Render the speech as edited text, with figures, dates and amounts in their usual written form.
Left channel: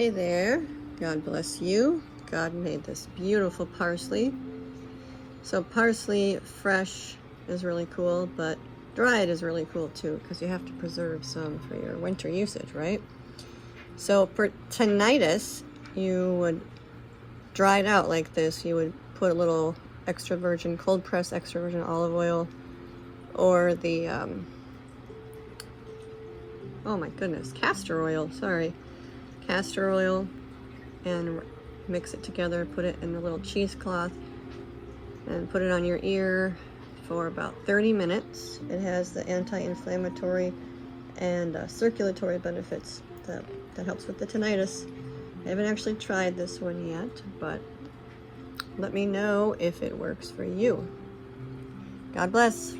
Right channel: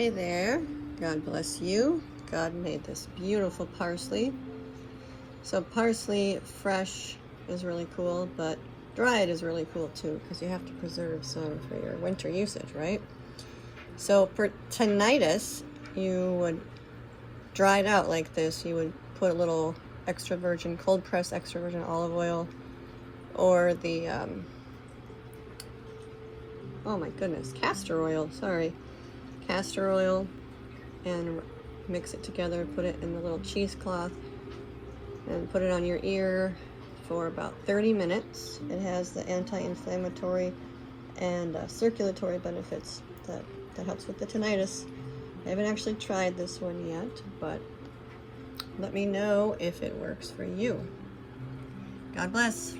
Hey there, God bless you. God made this beautiful parsley. So parsley fresh is really cool, but dried is really cool too, because you have to preserve some for your winter usage, right? So for tinnitus, you would dry it out like this. You would put a little extra virgin, cold press extra virgin olive oil, or the, oh my goodness, castor oil, sorry. Castor oil, and mix it together, put it in the little cheesecloth, and put it on your ear for about 30 minutes. It has the anti-inflammatory and circulatory benefits that helps with the tinnitus. I haven't actually tried this one yet, but let me know if it works for you. God bless.